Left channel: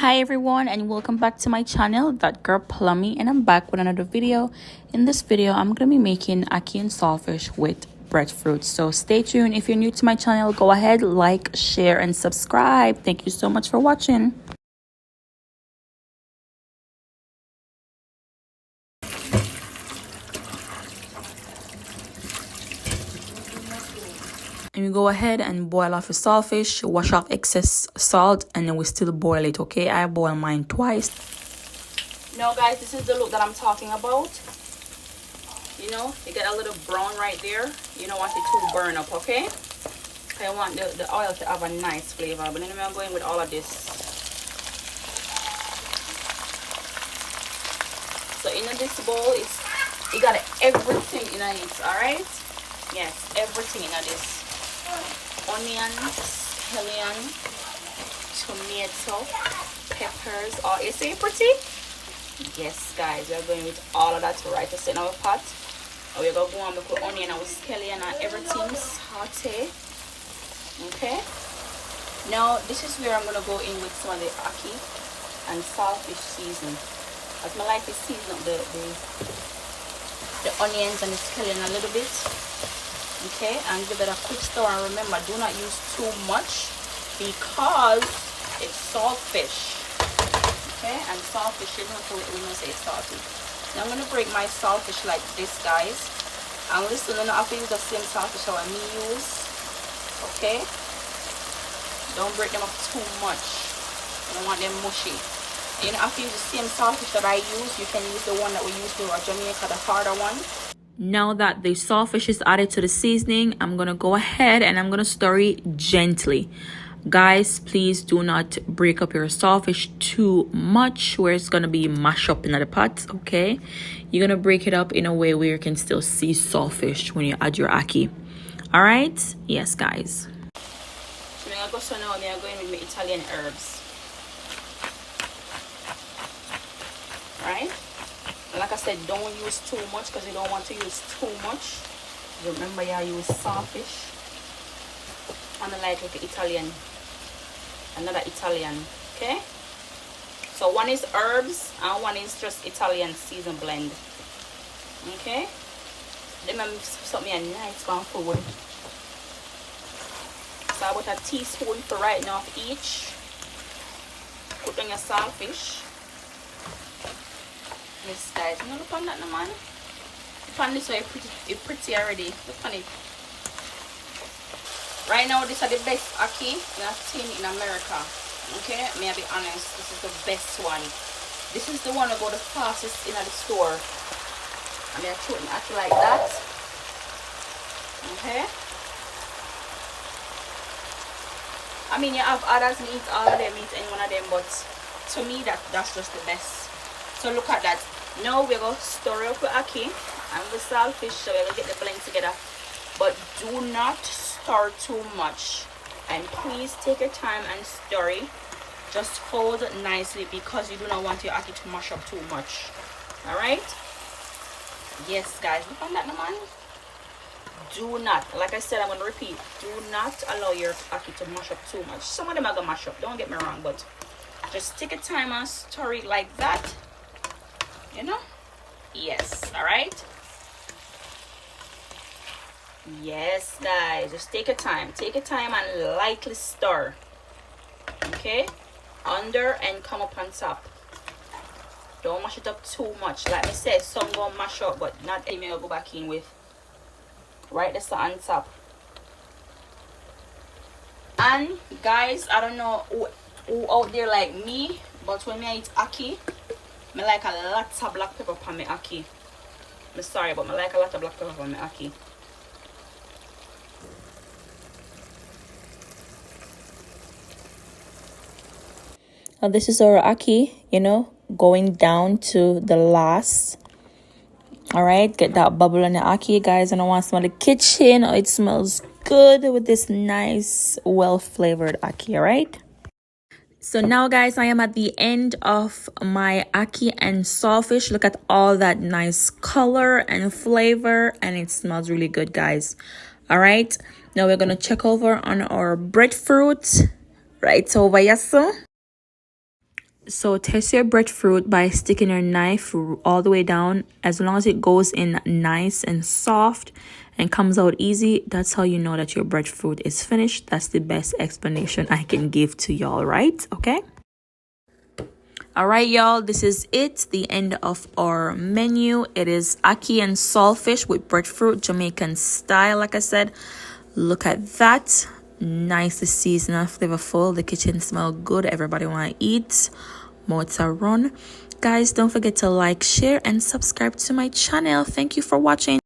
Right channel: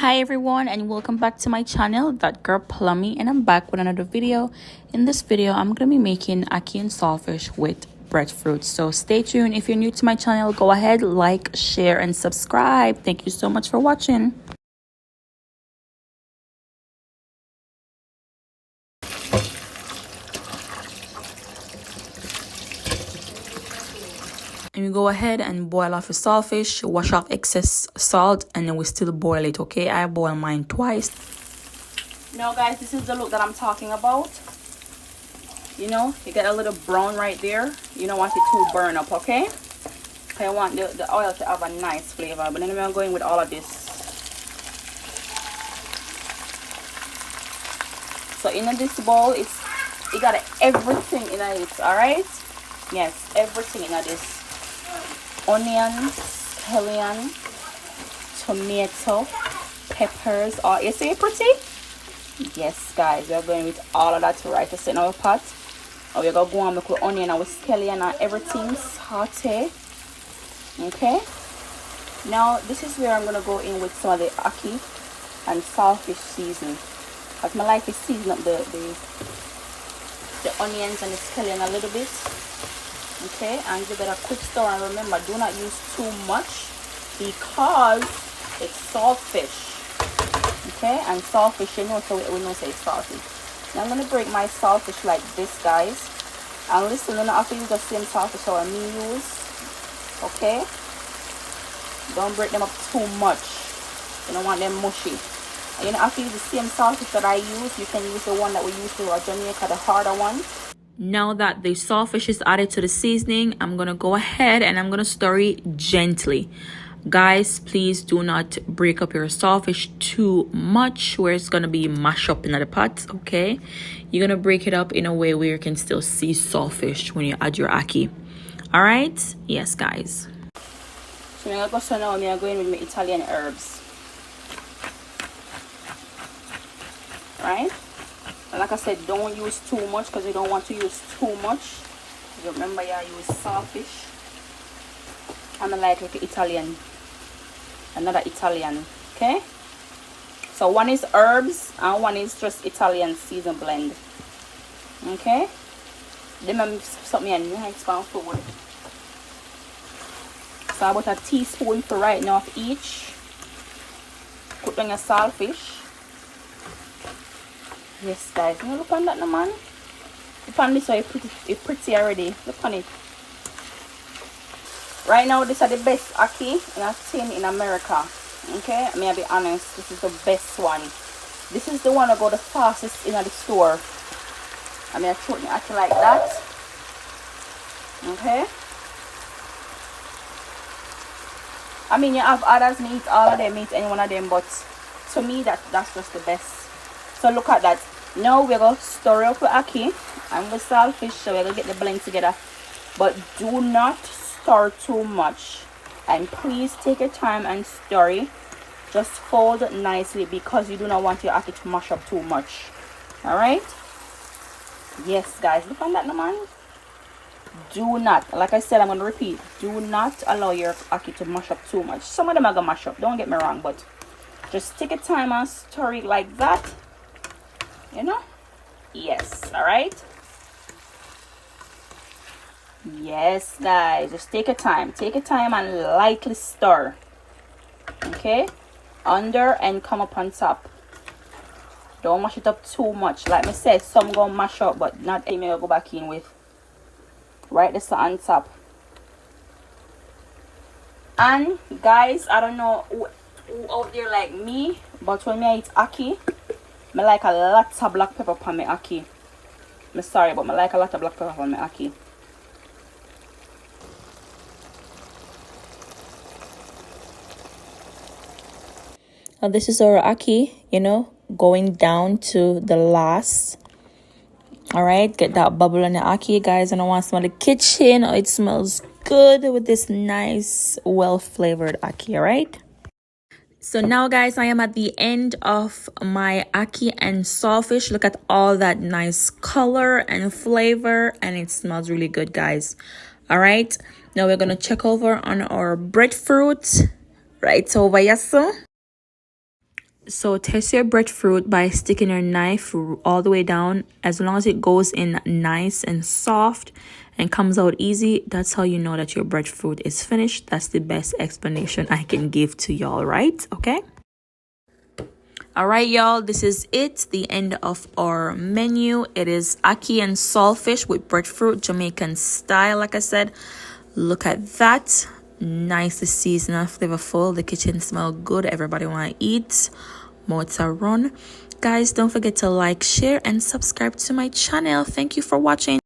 Hi everyone, and welcome back to my channel, That Girl Plummy, and I'm back with another video. In this video I'm gonna be making ackee and saltfish with breadfruit, so stay tuned. If you're new to my channel, go ahead, like, share, and subscribe. Thank you so much for watching. And you go ahead and boil off your saltfish, wash off excess salt, and then we still boil it. Okay, I boil mine twice. Now guys, this is the look that I'm talking about. You know, you get a little brown right there. You don't want it to burn up, okay? I want the oil to have a nice flavor. But then I'm going with all of this. So in this bowl, it got everything in it, alright? Yes, everything in this. Onion, scallion, tomato, peppers. Oh, you see pretty? Yes guys, we're going with all of that right to in our pot. And we're going to go on with onion and with scallion and everything saute. Okay, now this is where I'm going to go in with some of the ackee and saltfish seasoning. But I like to season up the onions and the scallion a little bit. Okay, and give it a quick stir, and remember, do not use too much because it's saltfish. Okay, and saltfish, you know, so we know say it's salty. Now I'm going to break my saltfish like this, guys. And listen, you don't have to use the same saltfish that I use. Okay, don't break them up too much. You don't want them mushy. And you don't have to use the same saltfish that I use. You can use the one that we use to Jamaica, the harder one. Now that the saltfish is added to the seasoning, I'm gonna go ahead and I'm gonna stir it gently. Guys, please do not break up your saltfish too much where it's gonna be mashed up in the pot. Okay, you're gonna break it up in a way where you can still see saltfish when you add your ackee. All right, yes guys. So now I'm going with my Italian herbs. All right, like I said, don't use too much because you don't want to use too much. Remember, you use saltfish. I'm like with the Italian, another Italian. Okay, so one is herbs and one is just Italian season blend. Okay, then I'm something nice going forward. So about a teaspoon for right now of each. Put on your saltfish. Yes guys, you look on that now, man. Look on this, so it's pretty already. Look on it. Right now, these are the best ackee I've seen in America. Okay, may I be honest, this is the best one. This is the one that go the fastest in the store. I mean, I put the ackee like that. Okay. I mean, you have others, me eat all of them, eat any one of them, but to me, that's just the best. So look at that. Now we're going to stir up the ackee and the saltfish, so we're going to get the blend together. But do not stir too much. And please take your time and stir it. Just fold it nicely because you do not want your ackee to mash up too much. Alright? Yes, guys. Look on that, man. Do not, like I said, I'm going to repeat. Do not allow your ackee to mash up too much. Some of them are going to mash up. Don't get me wrong, but just take your time and stir it like that. You know? Yes. All right. Yes guys, just take your time and lightly stir. Okay, under and come up on top. Don't mash it up too much. Like I said, some gonna mash up, but not any. I'll go back in with right this on top. And guys, I don't know who out there like me, but when I eat ackee, I like a lot of black pepper on my ackee. I'm sorry, but I like a lot of black pepper on my ackee. Now this is our ackee, you know, going down to the last. All right, get that bubble on the ackee, guys. And I want to smell the kitchen. Oh, it smells good with this nice, well-flavored ackee. All right. So now guys, I am at the end of my ackee and saltfish. Look at all that nice color and flavor, and it smells really good, guys. All right, now we're gonna check over on our breadfruit right over here. So So test your breadfruit by sticking your knife all the way down. As long as it goes in nice and soft and comes out easy, that's how you know that your breadfruit is finished. That's the best explanation I can give to y'all, right? Okay. All right, y'all, this is it, the end of our menu. It is ackee and saltfish with breadfruit, Jamaican style. Like I said, look at that. Nicely seasoned and flavorful. The kitchen smells good. Everybody want to eat. Mouths are run. Guys, don't forget to like, share, and subscribe to my channel. Thank you for watching.